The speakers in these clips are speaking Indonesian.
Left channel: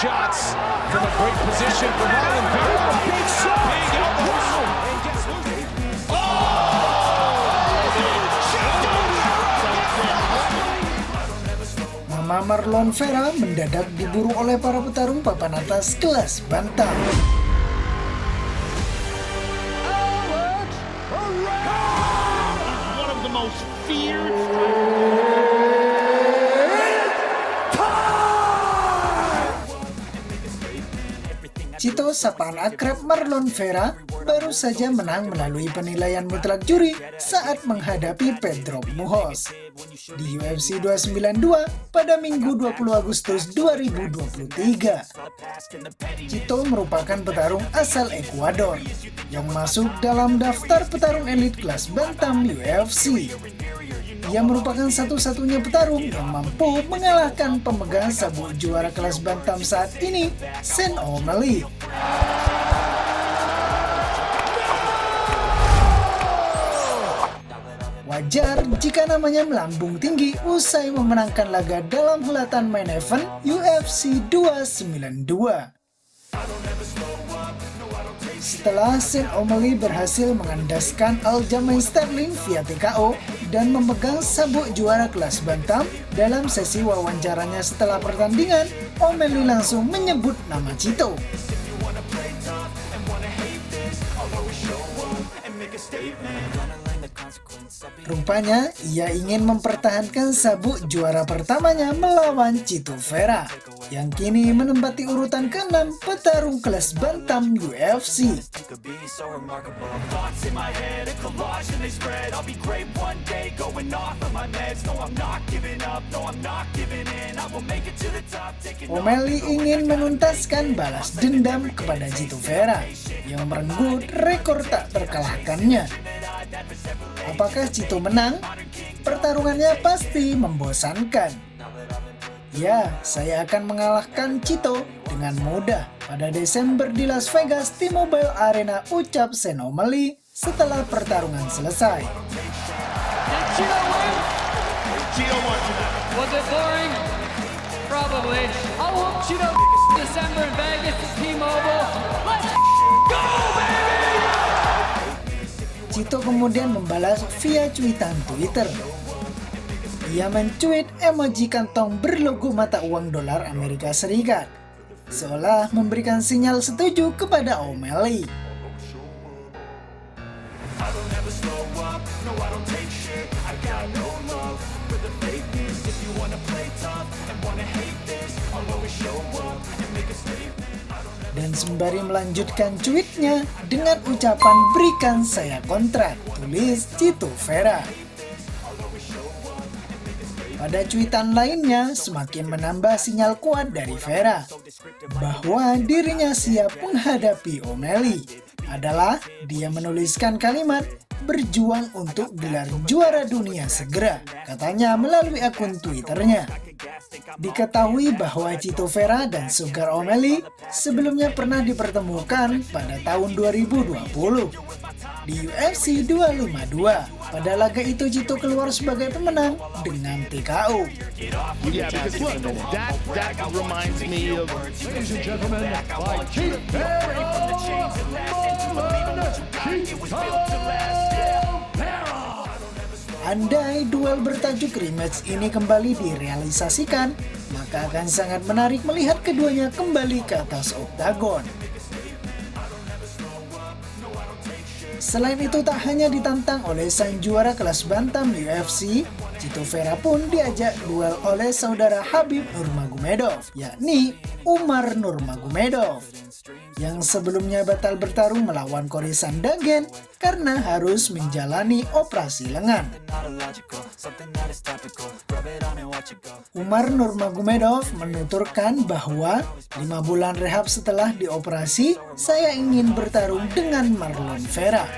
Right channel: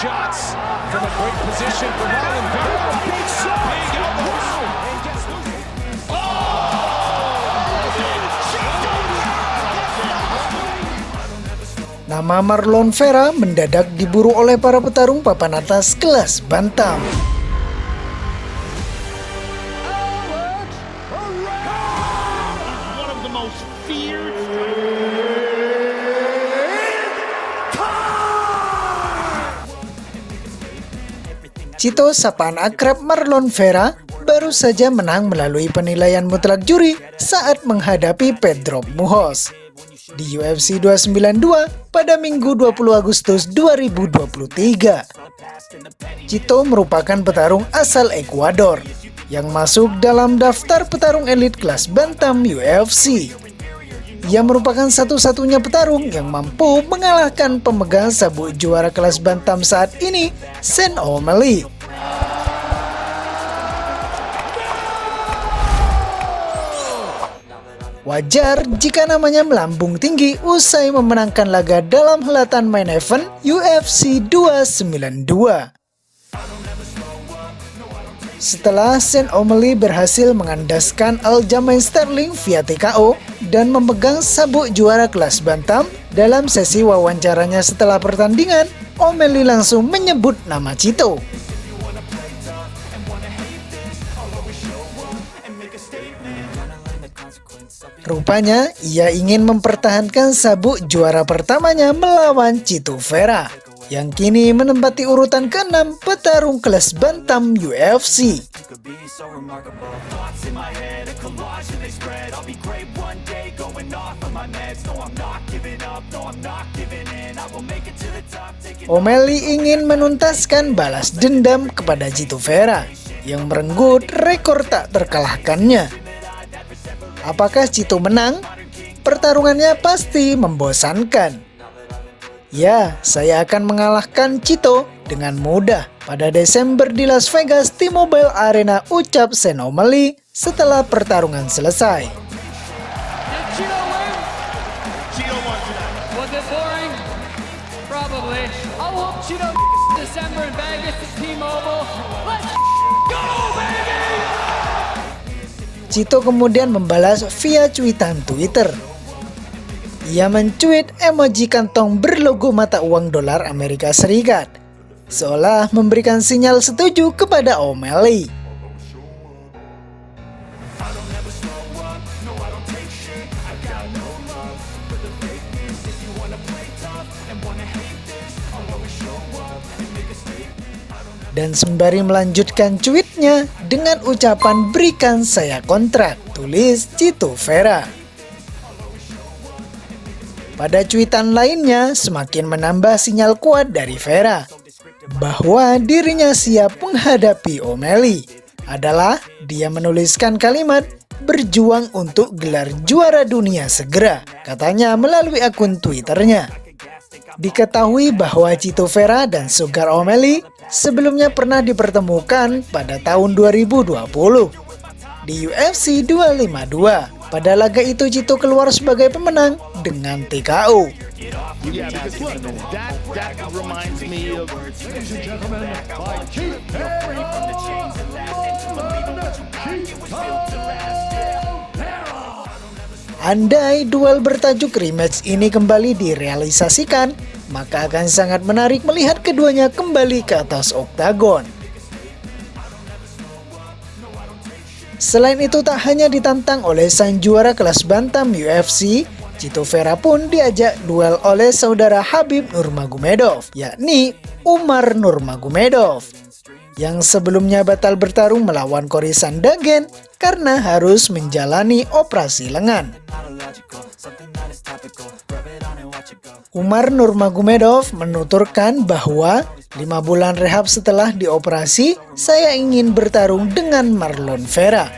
shots from a great position for Marlon Vera. Big shot. Big elbows. And gets loose. Nama Marlon Vera mendadak diburu oleh para petarung papan atas kelas bantam. One of the most feared. Cito, sapaan akrab Marlon Vera, baru saja menang melalui penilaian mutlak juri saat menghadapi Pedro Muhoz di UFC 292 pada Minggu 20 Agustus 2023. Cito merupakan petarung asal Ekuador yang masuk dalam daftar petarung elit kelas bantam UFC. Ia merupakan satu-satunya petarung yang mampu mengalahkan pemegang sabuk juara kelas bantam saat ini, Sean O'Malley. Wajar jika namanya melambung tinggi usai memenangkan laga dalam helatan main event UFC 292. Setelah Sean O'Malley berhasil mengandaskan Aljamain Sterling via TKO dan memegang sabuk juara kelas bantam, dalam sesi wawancaranya setelah pertandingan, O'Malley langsung menyebut nama Cito. Rupanya, ia ingin mempertahankan sabuk juara pertamanya melawan Chito Vera, yang kini menempati urutan ke-6 petarung kelas bantam UFC. O'Malley ingin menuntaskan balas dendam kepada Chito Vera, yang merenggut rekor tak terkalahkannya. Apakah Cito menang? Pertarungannya pasti membosankan. Ya, saya akan mengalahkan Cito dengan mudah pada Desember di Las Vegas T-Mobile Arena, ucap Sean O'Malley setelah pertarungan selesai. Did Cito win? Cito won tonight. Was it boring? Probably. I'll whoop Cito December in Vegas at T-Mobile. Let's go, baby! Cito kemudian membalas via cuitan Twitter. Ia mencuit emoji kantong berlogo mata uang dolar Amerika Serikat, seolah memberikan sinyal setuju kepada O'Malley. Dan sembari melanjutkan cuitnya dengan ucapan "berikan saya kontrak," tulis Chito Vera. Pada cuitan lainnya semakin menambah sinyal kuat dari Vera bahwa dirinya siap menghadapi O'Malley. Adalah dia menuliskan kalimat "berjuang untuk gelar juara dunia segera," katanya melalui akun Twitternya. Diketahui bahwa Chito Vera dan Sugar O'Malley sebelumnya pernah dipertemukan pada tahun 2020 di UFC 252. Pada laga itu Chito keluar sebagai pemenang dengan TKO. Yeah, because look, that reminds me of, ladies and gentlemen, by Keith Andai duel bertajuk rematch ini kembali direalisasikan, maka akan sangat menarik melihat keduanya kembali ke atas oktagon. Selain itu, tak hanya ditantang oleh sang juara kelas bantam UFC, Chito Vera pun diajak duel oleh saudara Khabib Nurmagomedov, yakni Umar Nurmagomedov, yang sebelumnya batal bertarung melawan Cory Sandhagen karena harus menjalani operasi lengan. Umar Nurmagomedov menuturkan bahwa 5 bulan rehab setelah dioperasi, saya ingin bertarung dengan Marlon Vera.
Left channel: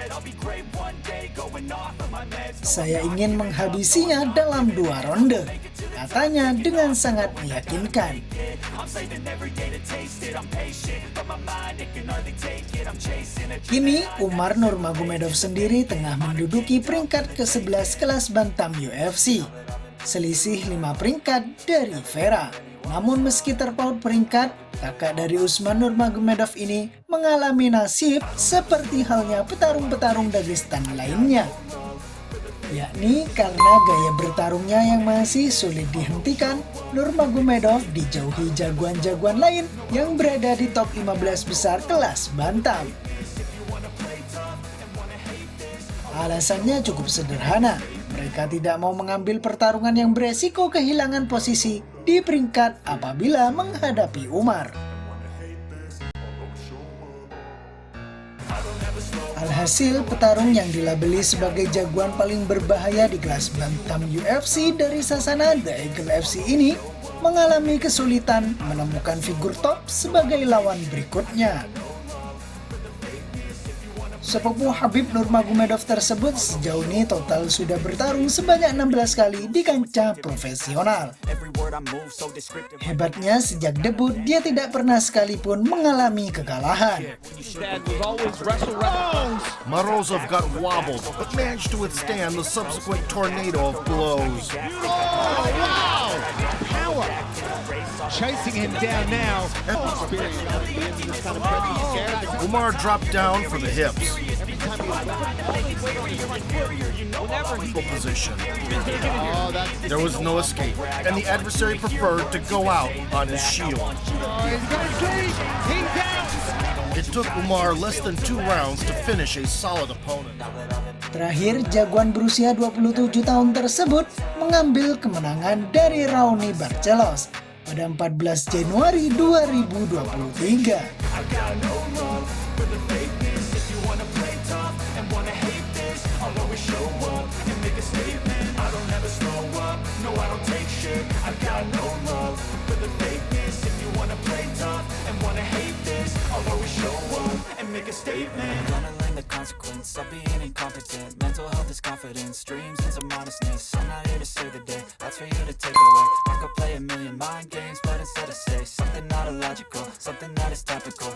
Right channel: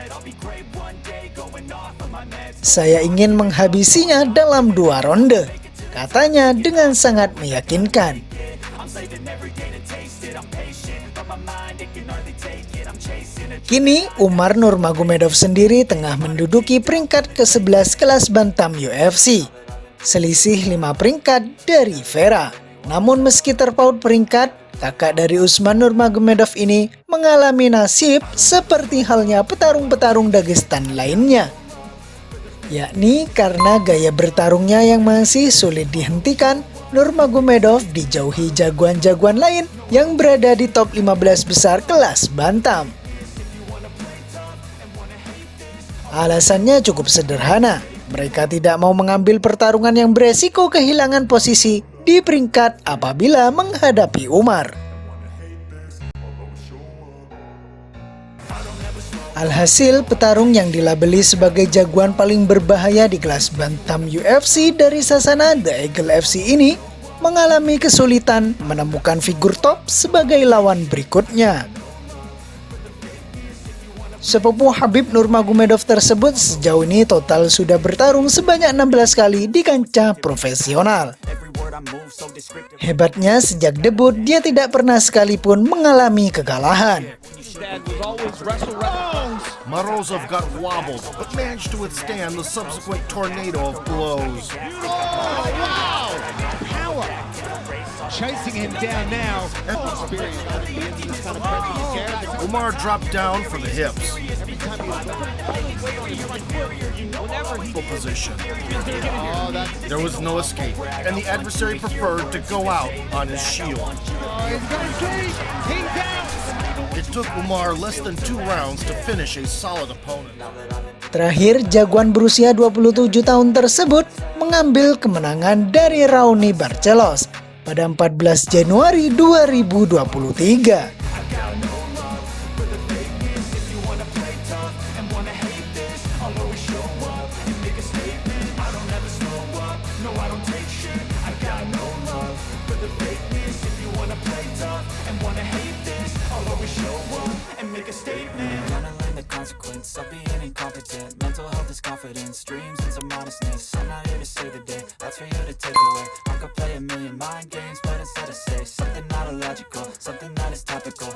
Saya ingin menghabisinya dalam 2 ronde, katanya dengan sangat meyakinkan. Kini Umar Nurmagomedov sendiri tengah menduduki peringkat ke-11 kelas bantam UFC, selisih 5 peringkat dari Vera. Namun meski terpaut peringkat, kakak dari Usman Nurmagomedov ini mengalami nasib seperti halnya petarung-petarung Dagestan lainnya. Yakni karena gaya bertarungnya yang masih sulit dihentikan, Nurmagomedov dijauhi jagoan-jagoan lain yang berada di top 15 besar kelas bantam. Alasannya cukup sederhana, mereka tidak mau mengambil pertarungan yang beresiko kehilangan posisi di peringkat apabila menghadapi Umar. Alhasil, petarung yang dilabeli sebagai jagoan paling berbahaya di kelas bantam UFC dari sasana The Eagle FC ini mengalami kesulitan menemukan figur top sebagai lawan berikutnya. Sepupu Khabib Nurmagomedov tersebut sejauh ini total sudah bertarung sebanyak 16 kali di kancah profesional. Hebatnya sejak debut dia tidak pernah sekalipun mengalami kekalahan. Morozov got wobbled, but managed to withstand the subsequent tornado of blows. Oh, wow! Power! Chasing him down now. Umar dropped down for the hips. Position. There was no escape, and the adversary preferred to go out on his shield. It took Umar less than 2 rounds to finish a solid opponent. Terakhir, jagoan berusia 27 tahun tersebut mengambil kemenangan dari Raoni Barcelos pada 14 Januari 2023. Gonna learn the consequence of being incompetent. Mental health is confidence, dreams and some honestness. I'm not here to save the day, that's for you to take away. I could play a million mind games, but instead I say something not illogical, something that is topical.